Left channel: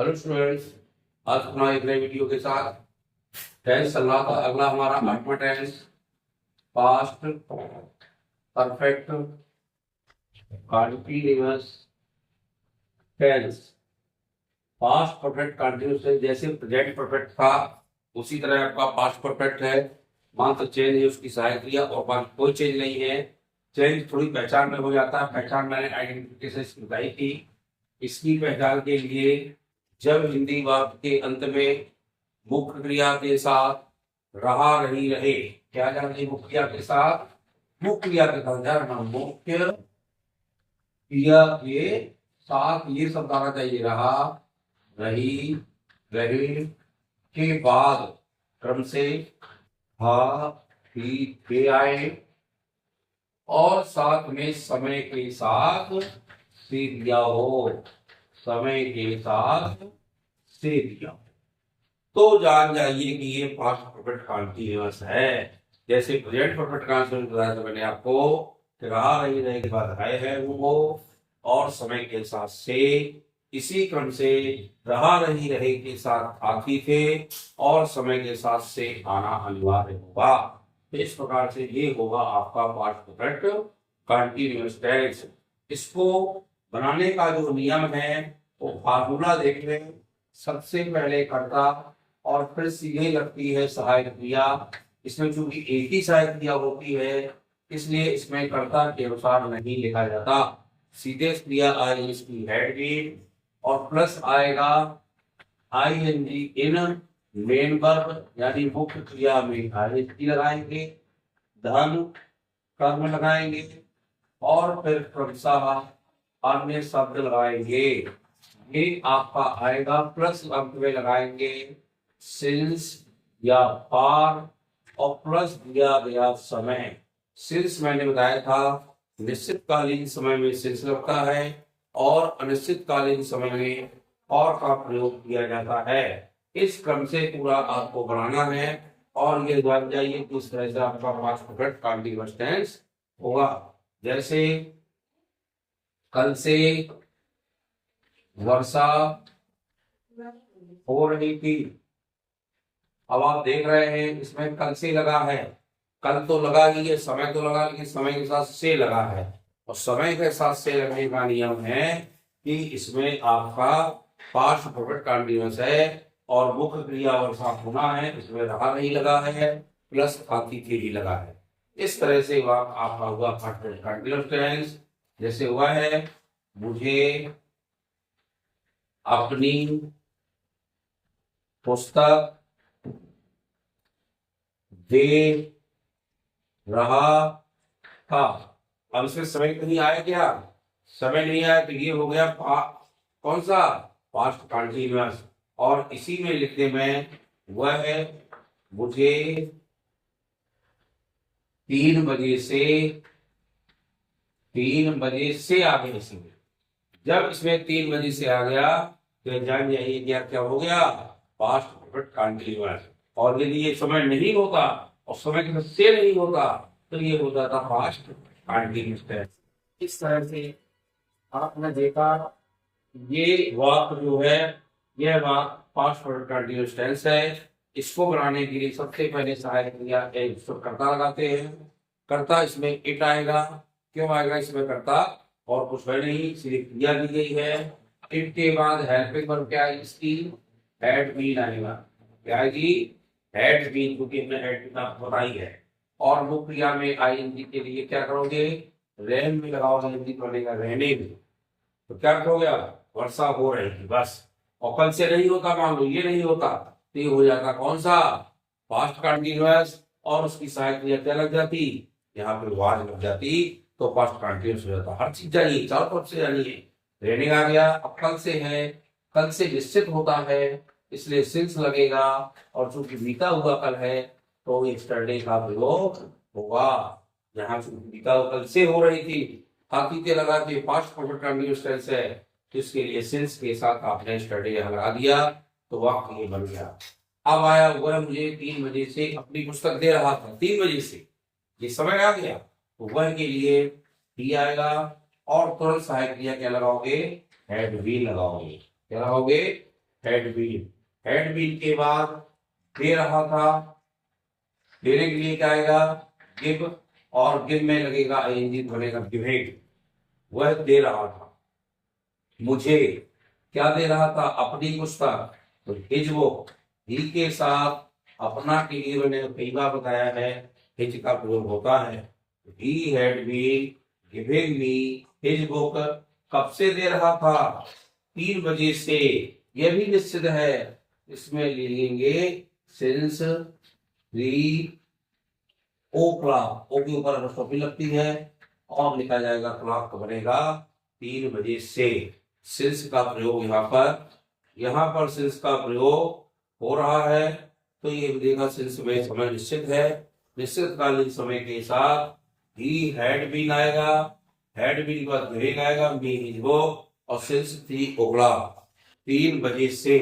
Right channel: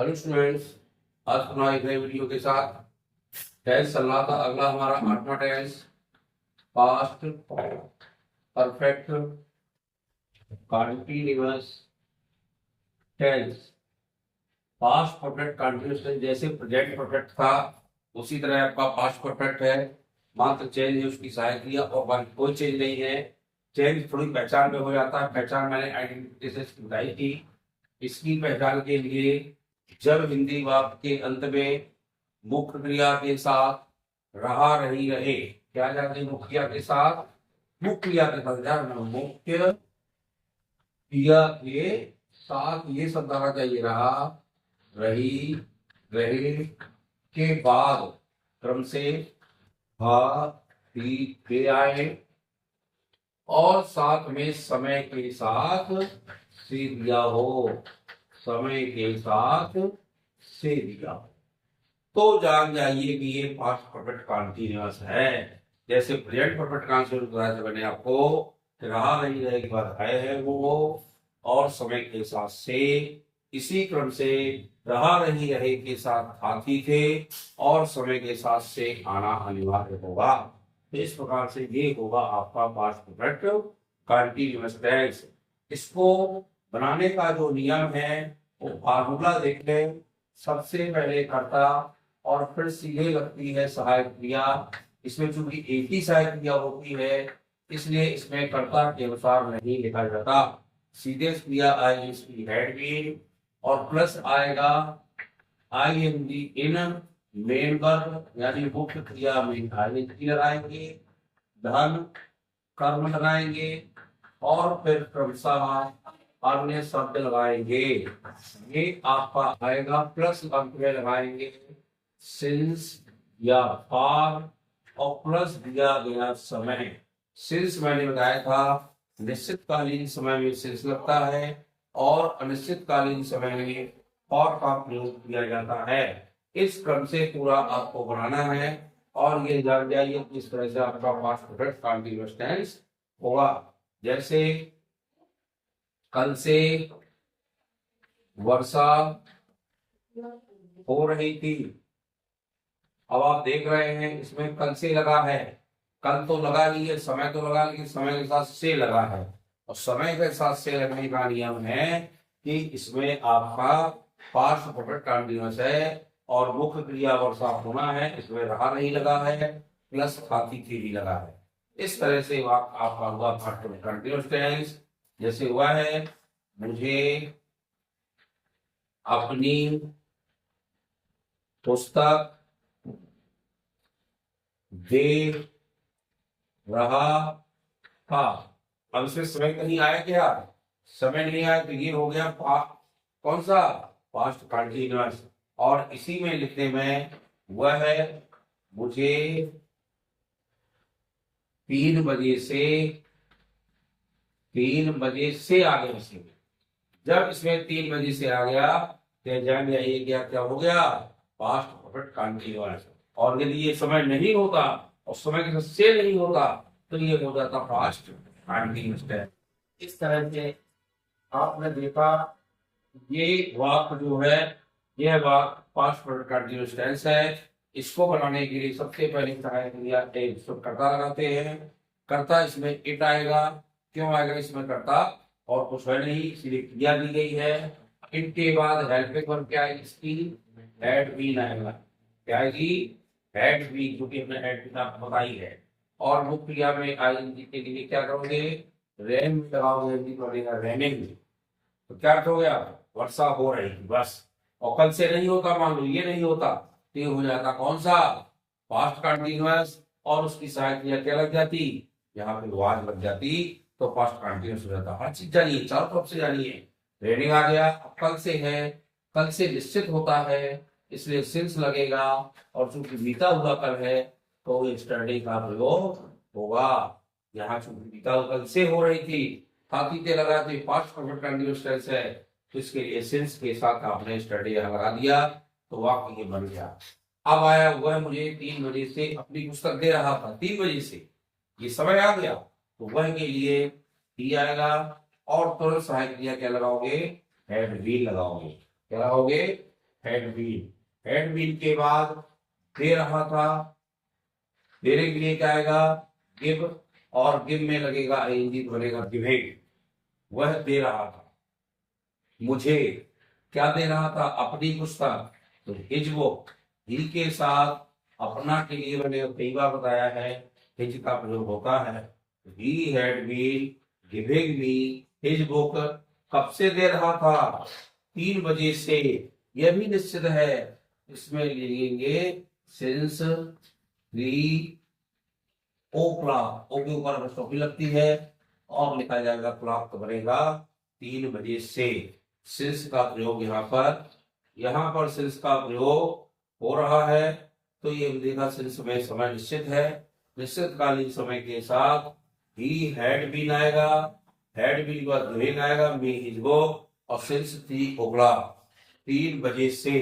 Hello students, आज अपना एक नए वीडियो के साथ टेंस चल रहा था। अगला हमारा आठवां tense past perfect continuous tense. Past perfect continuous tense जैसे प्रेजेंट परफेक्ट था उसी तरह आपका पास्ट परफेक्ट है। मात्र चेंज है उसकी सहायक क्रिया और बाकी कोई चेंज नहीं है। चेंज थोड़ी पहचान में हो जाता है। पहचान मैंने आइडेंटिटी से बताई थी। इसकी पहचान के लिए जब हिंदी वाक्य के अंत में मुख्य क्रिया के साथ रहा रही रहे, क्या जाते मुख्य क्रिया के साथ, मुख्य क्रिया के साथ ध्यान, मुख्य क्रिया के साथ ये शब्द आना चाहिए, रहा रही रहे के बाद क्रम से हा ही थे आए और साथ में समय के साथ से दिया हो, समय के साथ से दिया, तो जान जाइए कि ये पास्ट परफेक्ट कंटीन्यूअस है। जैसे प्रेजेंट परफेक्ट कंटीन्यूअस बताया था मैंने आपको, रहा रही रहे के बाद है वो और समय के साथ से, इसी क्रम से रहा रही रहे के साथ आती थे और समय के साथ से आना अनिवार्य होगा। इस प्रकार से ये होगा आपका पास्ट परफेक्ट कंटीन्यूअस टेंस। इसको बनाने का जो नियम है वो फार्मूला देख लें। सबसे पहले कर्ता और फिर सीधे लगती है सहायक क्रिया। इसमें चूंकि एक ही सहायक क्रिया होती है इसलिए इसमें कर्ता के अनुसार नहीं लिखा जाता। सीधे क्रिया आएगी इसकी हेड बीन और प्लस आएगा आईएनजी इन मेन वर्ब यानी मुख्य क्रिया में आईएनजी लगाएंगे, धन कर्म लगाएंगे और फिर क्रमशः अन्य शब्द लगाएंगे। ये आपका आएगा प्लस अंत में लगाएंगे सिंस या फॉर और प्लस दिया गया समय। सिंस मैंने बताया था निश्चितकालीन समय में सिंस लगता है और अनिश्चितकालीन समय में और का प्रयोग किया जाता है। इस क्रम से पूरा आपको बनाना है और ये जान जाइए कि इस तरह से आपका पास्ट परफेक्ट कंटीन्यूअस टेंस होगा। जैसे कल से वर्षा हो रही थी। अब आप देख रहे हैं इसमें कल से लगा है, कल तो लगा ही है, समय तो लगा लेकिन समय के साथ से लगा है और समय के साथ से लगने का नियम है कि इसमें आपका पास्ट परफेक्ट कंटीन्यूअस है और मुख्य क्रिया वर्षा होना है, इसमें रहा नहीं लगा है प्लस आती थी भी लगा है। इस तरह से आपका हुआ पास्ट परफेक्ट कंटीन्यूअस टेंस। जैसे हुआ है मुझे अपनी पुस्तक दे रहा था। अब इसमें समय नहीं आया, क्या समय नहीं आया तो ये हो गया कौन सा पास्ट कंटीन्यूअस। और इसी में लिखने में वह है मुझे 3 बजे से, 3 बजे से आगे इसमें, जब इसमें 3 बजे से आ गया तो जान जाइए क्या क्या हो गया पास्ट परफेक्ट कंटीन्यूअस। और यदि ये समय नहीं होता और समय के साथ से नहीं होता तो ये हो जाता पास्ट कंटीन्यूअस टेंस। इस तरह से आपने देखा ये वाक्य जो है यह वाक्य पास्ट परफेक्ट कंटीन्यूअस टेंस है। इसको बनाने के लिए सबसे पहले सहायक क्रिया कर्ता लगाते हैं। कर्ता इसमें इट आएगा। क्यों आएगा इसमें कर्ता? और कुछ है नहीं, सिर्फ क्रिया दी गई है। इट के बाद हेल्पिंग वर्ब क्या है इसकी, हैड बीन आएगा। क्या आएगी? हैड बीन, क्योंकि हमने हैड बीन आपको बताई है। और मुख्य क्रिया में आईएनजी के लिए क्या करोगे, रैन में लगाओगे, हिंदी बनेगा रहने में। तो क्या हो गया, वर्षा हो रही थी बस। और कल से नहीं होता, मान लो ये नहीं होता तो ये हो जाता कौन सा पास्ट कंटीन्यूअस और उसकी सहायक क्रिया क्या लग जाती, यहाँ पे वाज लग जाती तो पास्ट कंटीन्यूअस हो जाता। हर चीज जानिए, चारों तरफ से जानिए। रेनिंग आ गया, अब कल से है, कल से निश्चित होता है इसलिए सिंस लगेगा और चूंकि बीता हुआ कल है तो यस्टरडे का प्रयोग होगा। यहाँ चूंकि बीता हुआ कल से हो रही थी, ताकि लगा के पास्ट परफेक्ट कंटीन्यूअस टेंस है तो इसके लिए सिंस के साथ आपने यस्टरडे यहाँ लगा दिया तो वाक्य ये बन गया। अब आया हुआ है मुझे 3 बजे से अपनी पुस्तक दे रहा था, 3 बजे से ये समय आ गया तो वह के लिए डी आएगा और तुरंत सहायक क्रिया क्या लगाओगे, हैड बीन लगाओगे। क्या लगाओगे, हैड बीन, हैड बीन के बाद दे रहा था, देने के लिए क्या आएगा, गिव, और गिव में लगेगा आईएनजी तो बनेगा गिविंग। वह दे रहा था मुझे, क्या दे रहा था, अपनी पुस्तक, तो हिज बुक, ही के साथ अपना के लिए मैंने कई बार बताया है हिज का प्रयोग होता है। He had been giving me his book, कब से दे रहा था, 3 बजे से, यह भी निश्चित है, इसमें लिखेंगे सिंस दी ओ क्लॉक, ओ के ऊपर अपॉस्ट्रोफी लगती है और लिखा जाएगा क्लॉक, तो बनेगा 3 बजे से। सिंस का प्रयोग यहाँ पर सिंस का प्रयोग हो रहा है, तो ये देखा सिंस में समय निश्चित है, निश्चित कालीन समय के साथ ही हैड बीन आएगा, हैड बीन के बाद गिविंग आएगा, मी हिज बुक, और सिंस 3 o'clock, 3 बजे से।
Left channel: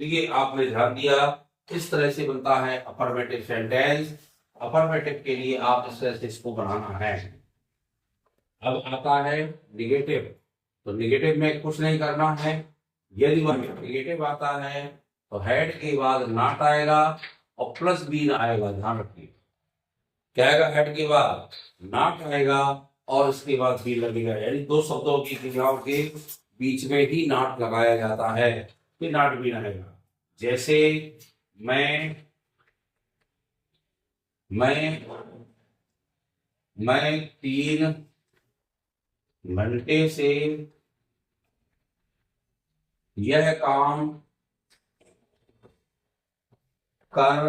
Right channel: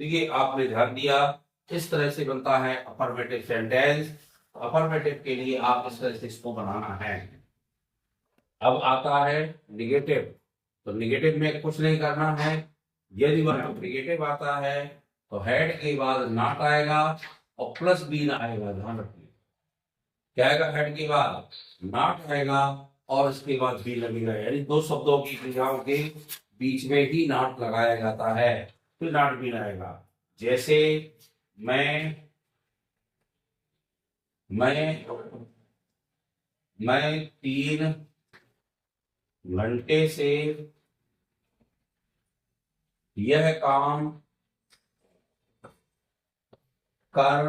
देखिए आपने ध्यान दिया, इस तरह से बनता है अफर्मेटिव सेंटेंस। अफर्मेटिव के लिए आप इस तरह से इसको बनाना है। अब आता है निगेटिव, तो निगेटिव में कुछ नहीं करना है। यदि निगेटिव आता है तो हेड के बाद नॉट आएगा और प्लस बीन आएगा, ध्यान रखिए, क्या आएगा, हेड के बाद नॉट आएगा और उसके बाद बी लगेगा, यानी 2 शब्दों की क्रियाओं के बीच में ही नॉट लगाया जाता है, फिर नॉट बीन आएगा। जैसे मैं 3 घंटे से यह काम कर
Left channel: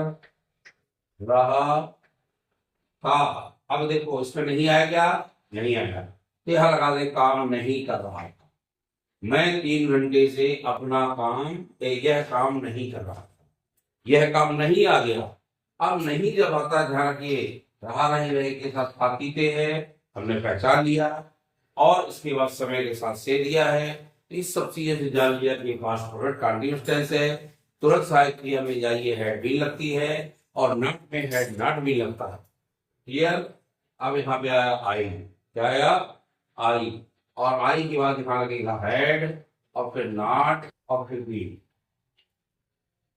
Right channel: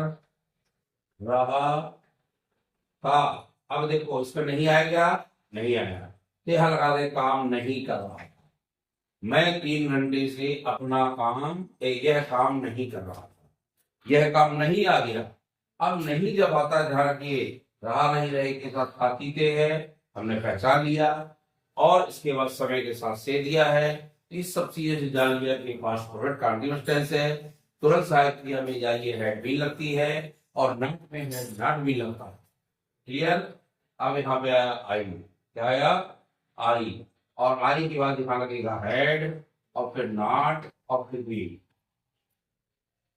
रहा था। अब देखो इसमें नहीं आएगा, नहीं आएगा, तो यहां लगा दे काम नहीं कर रहा था। मैं 3 घंटे से अपना काम, यह काम नहीं कर रहा था, यह काम नहीं आ गया। अब नहीं जब आता है, ध्यान रखिए, रहा नहीं रहे के साथ खातीते है, हमने पहचान लिया, और इसके बाद समय के साथ से दिया है। इस सब चीजें से जान लिया कि पास्ट परफेक्ट कंटीन्यूअस टेंस है। तुरंत सहायक क्रिया में जाइए हेड भी लगती है और नॉट में हेड नॉट भी लगता है। क्लियर। अब यहाँ पे आया आई, क्या आया, आई, और आई के बाद दिखा लगेगा हेड और फिर नॉट और फिर बी।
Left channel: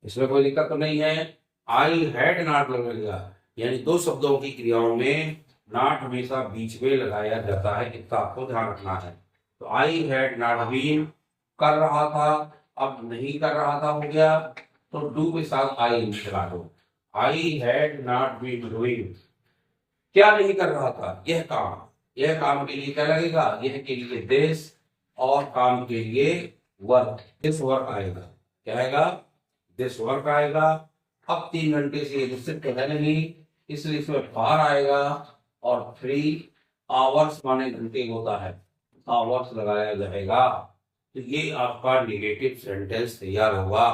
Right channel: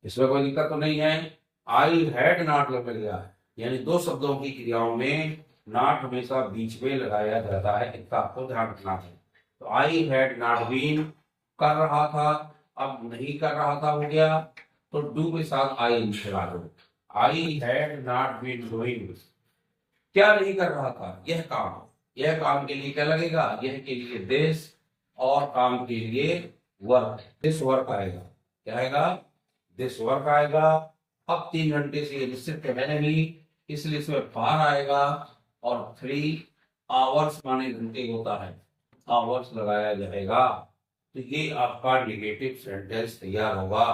इसमें कोई दिक्कत तो नहीं है। आई हैड नॉट लगेगा, यानी 2 शब्दों की क्रियाओं में नॉट हमेशा बीच में लगाया जाता है, इतना आपको ध्यान रखना है। तो आई हैड नॉट बीन, कर रहा था, अब नहीं कर रहा था हो गया, तो डू के साथ आई मिला दो। I had not been doing, क्या नहीं कर रहा था, यह काम, यह काम के लिए क्या लगेगा, यह के लिए दिस, और काम के लिए वर्क, दिस वर्क आएगा, क्या आएगा, दिस वर्क आएगा। अब 3 घंटे से निश्चित है नहीं, इसलिए इसमें फार आएगा, और 3 आवर्स माने घंटे होता है, आवर्स लगाया जाएगा। तो ये आपका निगेटिव सेंटेंस तैयार होगा।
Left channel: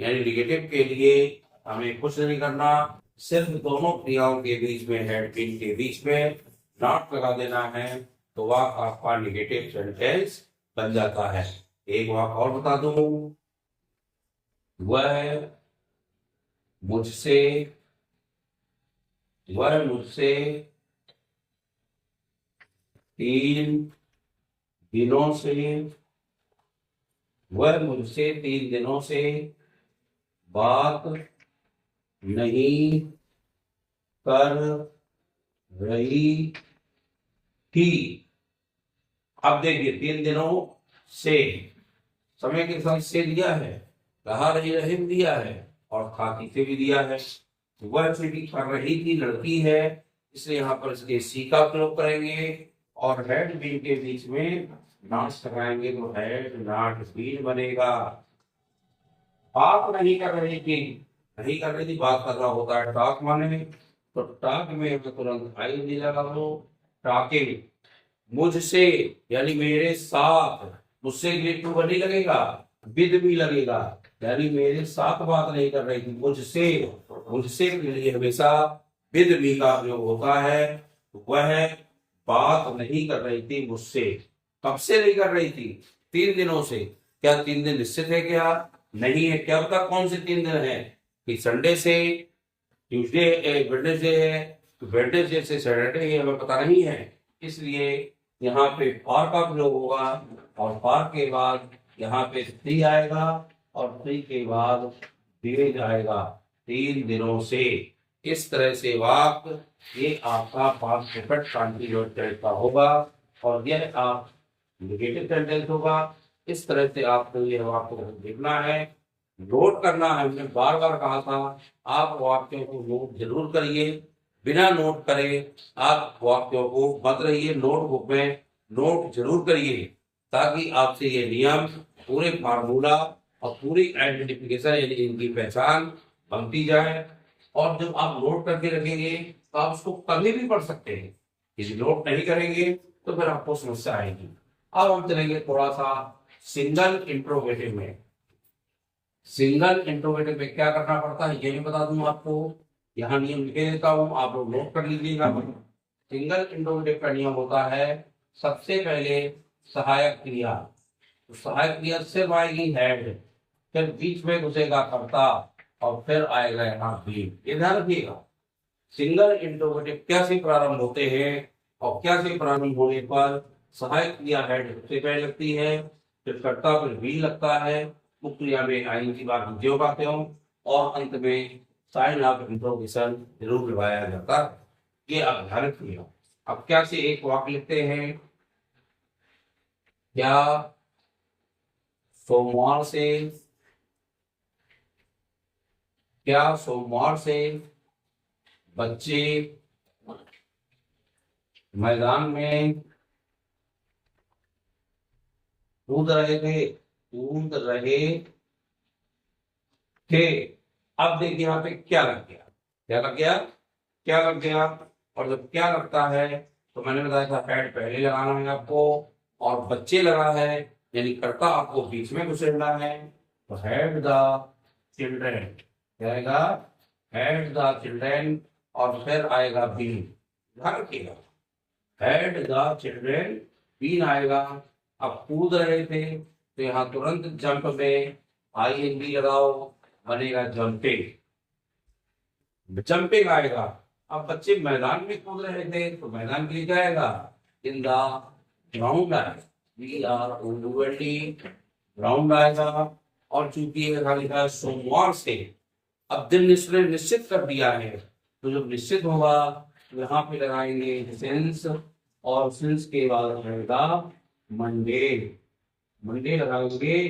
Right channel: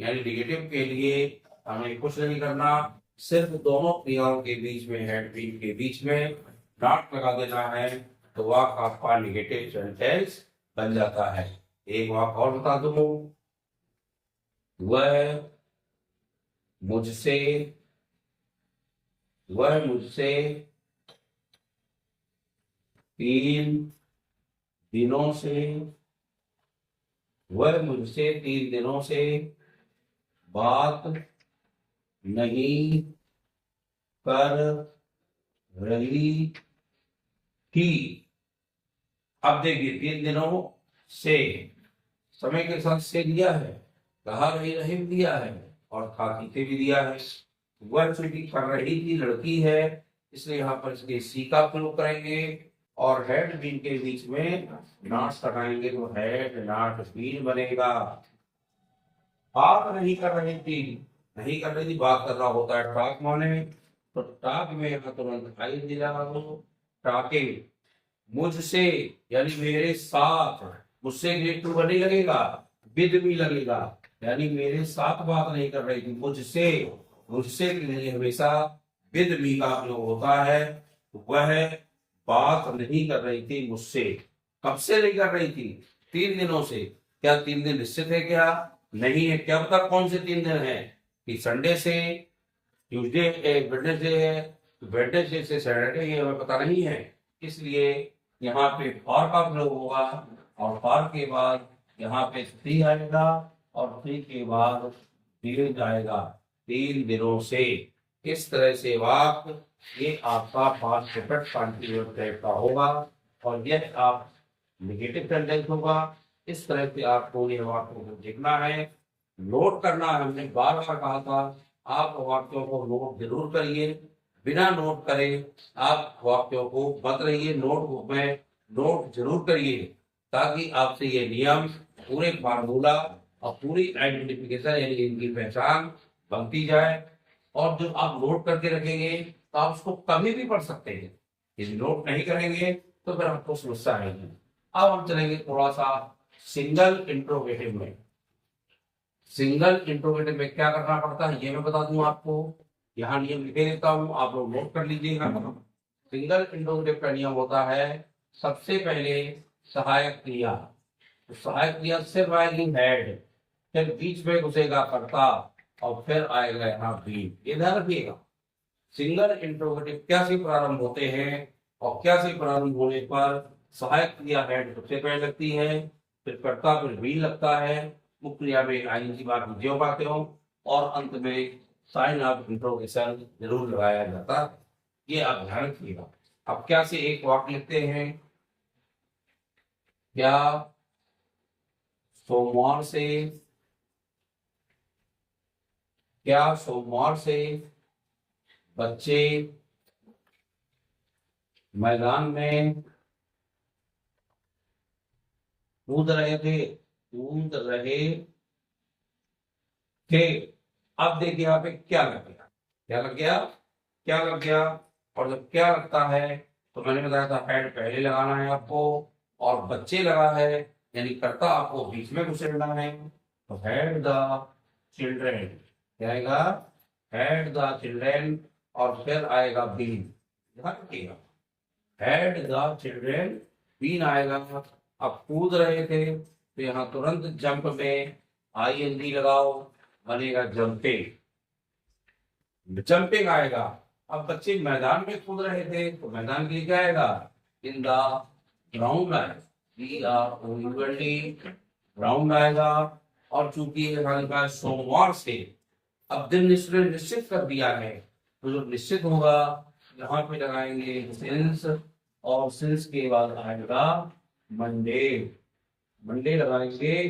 यानी निगेटिव के लिए हमें कुछ नहीं करना, सिर्फ दोनों क्रियाओं के बीच में, हेड बीन के बीच में नॉट लगा देना है, तो वाक्य आपका निगेटिव सेंटेंस बन जाता है। एक वाक्य और बता दूं, वह मुझसे 3 दिनों से, वह मुझसे 3 दिनों से बात नहीं कर रही थी। अब देखिए 3 दिनों से, समय के साथ से दिया है, रहा नहीं रहे भी दिया है, और खाती से भी दिया है। वह चूंकि कर रही थी, लड़की है, इसलिए यहाँ पर इसके सी का प्रयोग करेंगे, और हेड बीन के बीच में नॉट लगाएंगे, तो हेड नॉट बीन बनेगा। बात नहीं कर रही थी, नहीं कर रही थी, बात कर रहा होता है टॉक माने, तो टॉक में तुरंत आई लगा दो, टॉकिंग। मुझसे यानी मेरे साथ, मुझसे रिलेटिव नहीं लगेगा, विद भी लगेगा, यानी मेरे साथ बात नहीं कर रही थी, मुझसे, मुझसे के लिए हमेशा विद भी का प्रयोग होता है। वह बात नहीं कर रही थी मुझसे, कब से नहीं कर रही थी, 3 दिनों से। क्या 3 दिन निश्चित है, क्या नहीं है, क्या पता कौन से 3 दिन है, कि संडे से ट्यूसडे, वेडनेसडे है, तो वेडनेसडे से सैटरडे है, हमें पता नहीं है, इसलिए यहाँ पे फॉर का प्रयोग होगा, और फॉर के बाद यहाँ पे 3 आएगा, और 3 के बाद डेज आएगा 3 दिनों से। इस तरह से वाक्य ये आपका पास्ट परफेक्ट कंटीन्यूअस टेंस का होगा और यह आप नेगेटिव सेंटेंस होगा। इस तरह से आपको यह वाक्य को देखना है, नोट करना है। हमने बार बार कहा था आप वाक्यों को नोट जरूर करिए, बिना नोट करे आप वाक्यों को मत रहिए, नोटबुक में नोट जरूर करिए ताकि आपसे ये नियम, पूरे फार्मूला और पूरी आइडेंटिफिकेशन यानी इनकी पहचान बनती जाए। और जब आप नोट करके रखेंगे तो आप उसको कभी भी पढ़ सकते हैं। यदि नोट नहीं करेंगे तो फिर आपको समस्या आएगी। अब हम चलेंगे थोड़ा सा सिंगल इंट्रोगेटिव में। सिंगल इंट्रोगेटिव में क्या करना पड़ता है ये मैं बता दूं आपको। यहाँ नियम लिखे देता हूं, आप लोग नोट कर लीजिएगा। सिंगल इंट्रोगेटिव का नियम होता है, सबसे पहले सहायक क्रिया, तो सहायक क्रिया सिर्फ आएगी हेड, फिर बीच में घुसेगा कर्ता और फिर आएगा यहाँ बी। ये ध्यान रखिएगा। सिंगल इंट्रोगेटिव क्या से प्रारंभ होते हैं और क्या से प्रारंभ होने पर सहायक क्रिया हेड सबसे पहले लगती है, फिर कर्ता फिर बी लगता है, मुख्य क्रिया में आईएनजी बाकी जो बातें हो और अंत में साइन ऑफ इंट्रोगेशन जरूर लगाया जाता है। ये आप ध्यान रखिएगा। अब क्या से एक वाक्य लिखते हैं, क्या सोमवार से, क्या सोमवार से बच्चे मैदान में कूद रहे थे, कूद रहे थे। अब देखिए यहाँ पे क्या लग गया, क्या लग गया, क्या लग गया। और जब क्या लगता है तो मैंने बताया था हेड पहले लगाना है आपको और बच्चे लगा है यानी कर्ता आपको बीच में घुसेड़ना है। तो हेड द चिल्ड्रेन क्या आएगा, हेड द चिल्ड्रेन और फिर आएगा बीन। ध्यान रखिएगा, हेड द चिल्ड्रेन बीन आएगा। अब कूद रहे थे तो यहाँ तुरंत जंप में आईएनजी लगाओ, बनेगा जंपिंग, जंपिंग आएगा। अब बच्चे मैदान में कूद रहे थे तो मैदान के लिए जाएगा इन द ग्राउंड आएगा, ग्राउंड आएगा। और चूंकि लिखा है सोमवार से, अब दिन निश्चित कर दिया है तो जब निश्चित होगा यहाँ पे लगाएंगे सिंस और सिंस के बाद आएगा मंडे, मंडे लगाएंगे।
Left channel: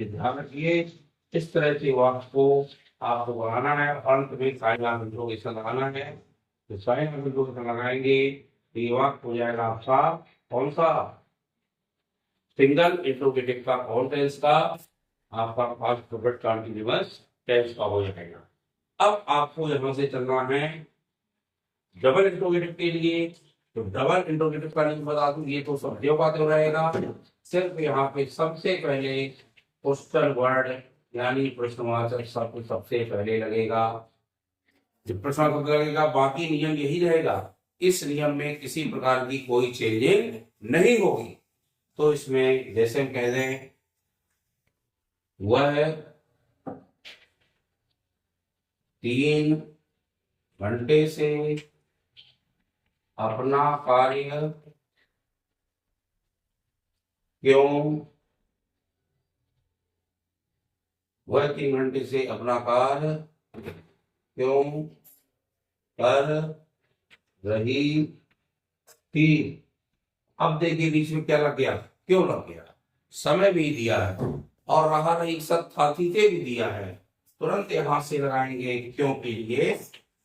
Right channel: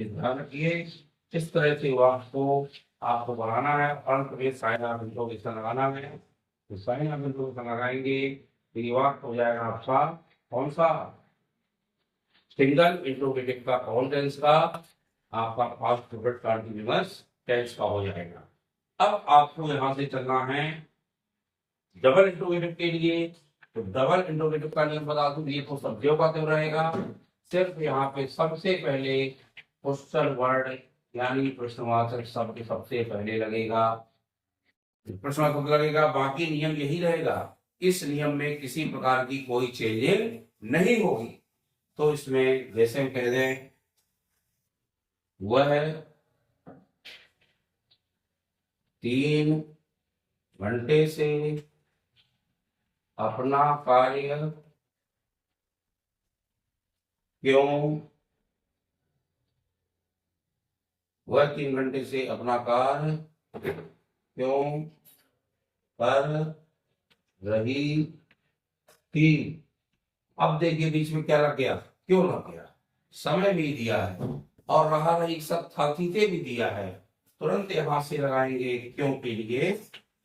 ध्यान रखिए इस तरह से वाक्य को आपको बनाना है, अंत में साइन ऑफ इंट्रोगेशन लगाना है। तो साइन ऑफ इंट्रोगेशन लगाएंगे तो ये वाक्य हो जाएगा आपका कौन सा, सिंगल इंट्रोगेटिव का कौन टेंस का, आपका पास्ट परफेक्ट कंटीन्यूअस टेंस का हो जाएगा। अब आपको यहां से चलना है डबल इंट्रोगेटिव के लिए। तो डबल इंट्रोगेटिव का नियम बता दूं, ये तो सब जो बातें रहेगा, सिर्फ यहाँ पे सबसे पहले क्वेश्चन वर्ड यानी प्रश्नवाचक शब्द सबसे पहले लगेगा। जब प्रश्न शब्द लगेगा बाकी नियम यही रहेगा, इस नियम में किसी प्रकार की कोई चेंजिंग नहीं होगी। तो इसमें जैसे हम कह दें वह 3 घंटे से अपना कार्य क्यों, वह 3 घंटे से अपना कार्य क्यों कर रही थी। अब देखिए बीच में क्या लग गया, क्यों लग गया, समय भी दिया है और रहा रही सब साथी से भी दिया है, तुरंत यहां से लगाएंगे क्यों के लिए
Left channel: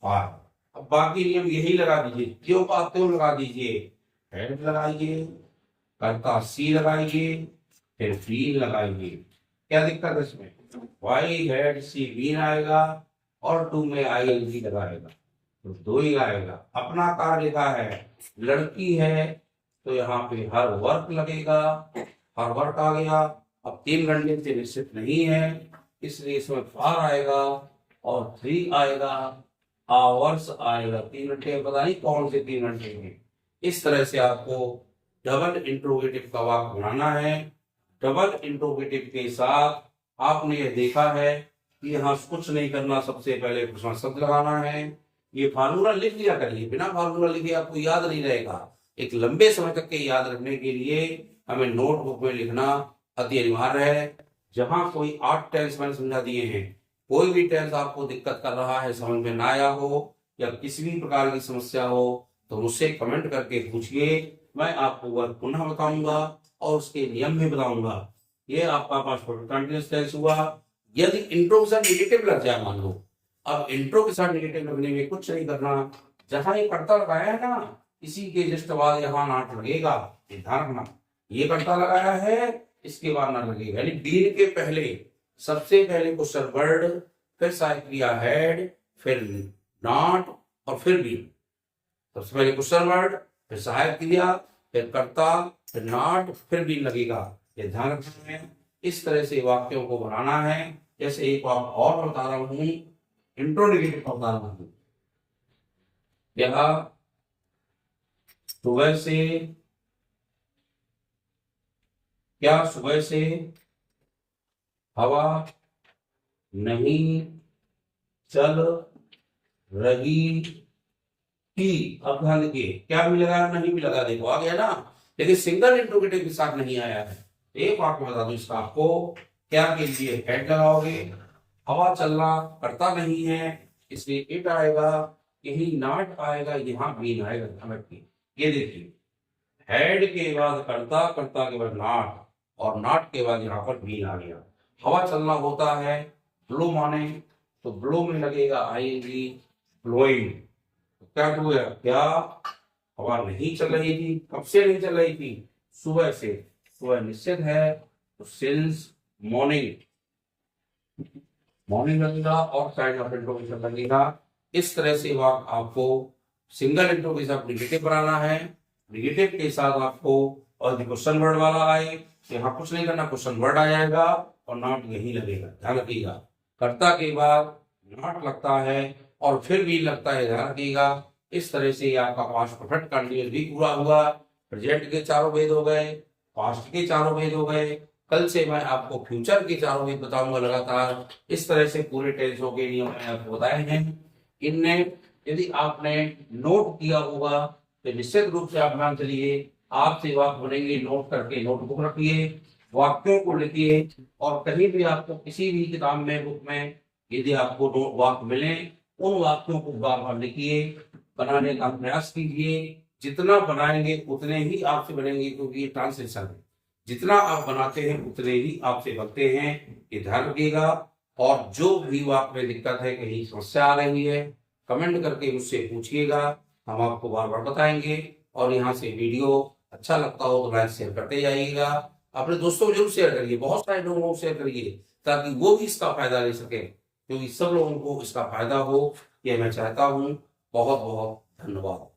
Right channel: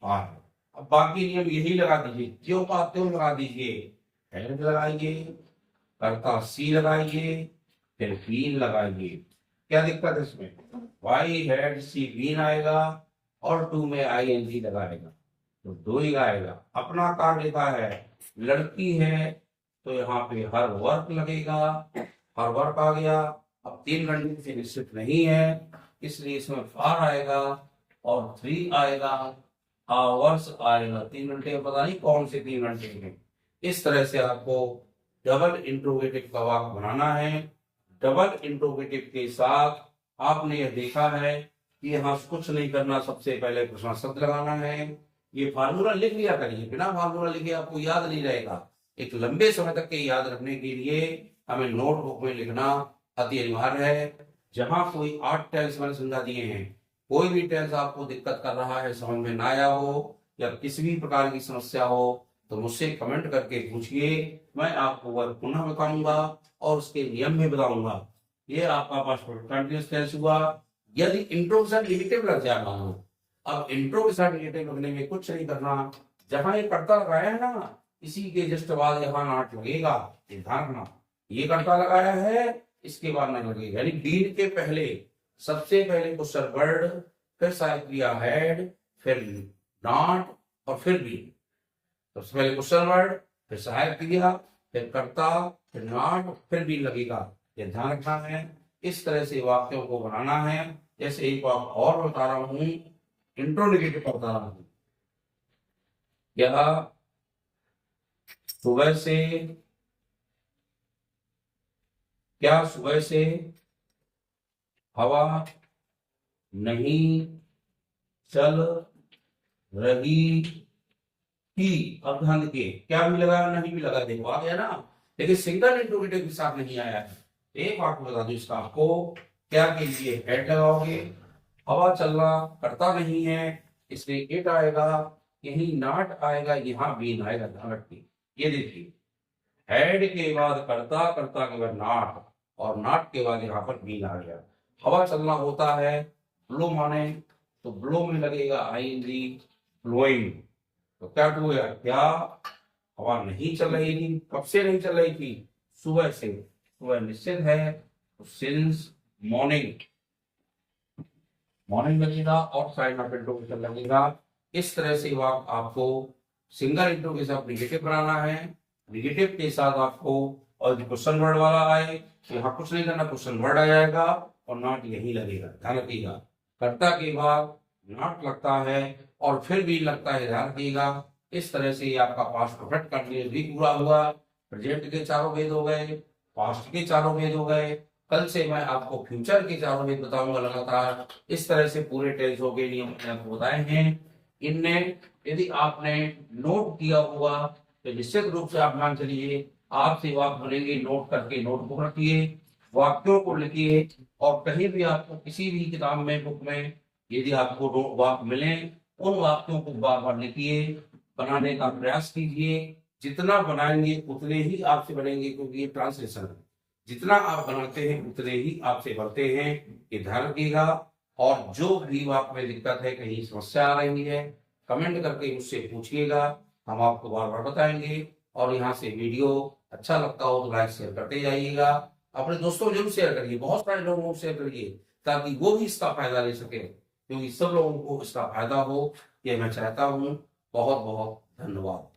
और। अब बाकी नियम यही लगा दीजिए, क्यों का क्यों लगा दीजिए, हेड लगाइए, कर्ता सी लगाइए, फिर फील लगाइए। क्या दिक्कत है इसमें, वाई हेड सी बीन आएगा और 2 में आईएनजी लगाएगा तो 2 ही आएगा। अपना कार्य लिखा है, लड़की है तो यहाँ पे हर वर्क लगेगा, हर वर्क आ गया। अब 3 घंटे से निश्चित नहीं है इसलिए इसमें फार आएगा और 3 आएगा, आवर्स आएगा, 3 घंटे पता नहीं कौन से 3 घंटे में। इस तरह से आपको डबल इंट्रोगेटिव का वाक्य बनाना है। डबल इंट्रोगेटिव के साथ आपने यह देखा है कि यहाँ कुछ नहीं करना, सबसे पहले प्रश्न शब्द लगाना है। ये फार्मूला लिख लिया करिए, बिना फार्मूला लिखे आपको याद नहीं रहेगा। एक लंबे समय तक के याद रखने के लिए हमें नोटबुक में लिखना अति अनिवार्य है। जहां कोई 8 टेंस मैंने समझा दिए हैं, कोई भी टेंस आपको दिक्कत कर रहा है, समझ में ना आया हो या किसी भी प्रकार की समस्या हो तो मुझसे कमेंट करके पूछिए, मैं आपको वह पुनः बताऊंगा और उसके नियम भी बताऊंगा। ये आपका पास्ट परफेक्ट कंटीन्यूअस टेंस हुआ। यदि इंट्रो के साथ नेगेटिव लग जाए मान लो, अब इंट्रो के साथ नेगेटिव लगने में कुछ नहीं करना, जहां ये कर्ता लगाया है ना इसी के जस्ट बाद यहाँ नॉट लगेगा, ये ध्यान रखना। ये कर्ता लगाया है, इसके बाद ना लगेगा, यानी डीन के पहले सबसे पहले क्वेश्चन वर्ड, फिर सहायक क्रिया हैड, फिर नॉट और फिर बी। सबसे पहले क्वेश्चन वर्ड, फिर सहायक क्रिया, फिर कर्ता, फिर नॉट, फिर बी लगेगा, ये ध्यान रखना है। इस तरह से वाक्यों को बनाना है। जैसे एक बात और बता रहा हूं, इंट्रोनेगेटिव बता रहा हूं, क्या सुबह से, क्या सुबह से हवा नहीं चल रही थी। अब ध्यान देखिए, क्या भी लगा नहीं भी लगा, देखो आ गया ना, लेकिन सिंगल इंट्रोगेटिव के साथ नहीं आया है। एक वाक्य बता दो इसका आपको, क्या के लिए हेड लगाओगे, हवा चलना करता नहीं है इसलिए इट आएगा, यही नॉट आएगा, यहाँ बीन आएगा, ध्यान रखिए। ये देखिए, हेड के बाद करता, करता के बाद नॉट और नॉट के बाद यहाँ पर बीन आ गया। हवा चलना होता है, ब्लो माने तो ब्लो में लगेगा आईएनजी, ब्लोइंग। तो क्या हो गया, क्या हवा नहीं चल रही थी, कब से नहीं चल रही थी, सुबह से, सुबह निश्चित है तो सिंस मॉर्निंग, मॉर्निंग लगेगा और साइड ऑफ इंट्रोगेशन लगेगा। इस तरह से वाक्य आपको सिंगल इंट्रो के साथ निगेटिव बनाना है, निगेटिव के साथ आपको, और क्वेश्चन वर्ड वाला आए तो यहाँ कुछ नहीं करना, क्वेश्चन वर्ड आ जाएगा और नॉट यही लगेगा, ध्यान रखिएगा। कर्ता के बाद नॉट लगता है और फिर भी लगता है, ध्यान रखिएगा। इस तरह से आपका पास्ट परफेक्ट कंटीन्यूअस भी पूरा हुआ। प्रेजेंट के चारों भेद हो गए, पास्ट के चारों भेद हो गए। कल से मैं आपको फ्यूचर के चारों भेद बताऊंगा लगातार। इस तरह से पूरे टेंसों के नियम मैंने आपको बताए हैं। इनमें यदि आपने नोट किया होगा तो निश्चित रूप से आप मान चलिए, आपसे वाक्य बनेंगे, नोट करके नोटबुक रखिए, वाक्यों को लिखिए, और कहीं भी आपको किसी भी किताब में, बुक में यदि आपको वाक्य मिले, उन वाक्यों को बार बार लिखिए, बनाने का प्रयास कीजिए। जितना बनाएंगे उतने ही आपसे बनेंगे, क्योंकि ये ट्रांसलेशन है, जितना आप बनाते हैं उतने ही आपसे बनते हैं, ये ध्यान रखिएगा। और जो भी वाक्य में दिक्कत है, कहीं समस्या आ रही है, कमेंट करके मुझसे पूछिएगा, हम आपको बार बार बताएंगे। और यहाँ से वीडियो अच्छा लगता हो तो लाइक शेयर करते जाइएगा, अपने दोस्तों को जरूर शेयर करिए, बहुत सारे लोगों को शेयर करिए ताकि वो भी इसका फायदा ले सके, क्योंकि सब लोगों को इसका फायदा हो, ये मैं चाहता हूँ। बहुत बहुत धन्यवाद।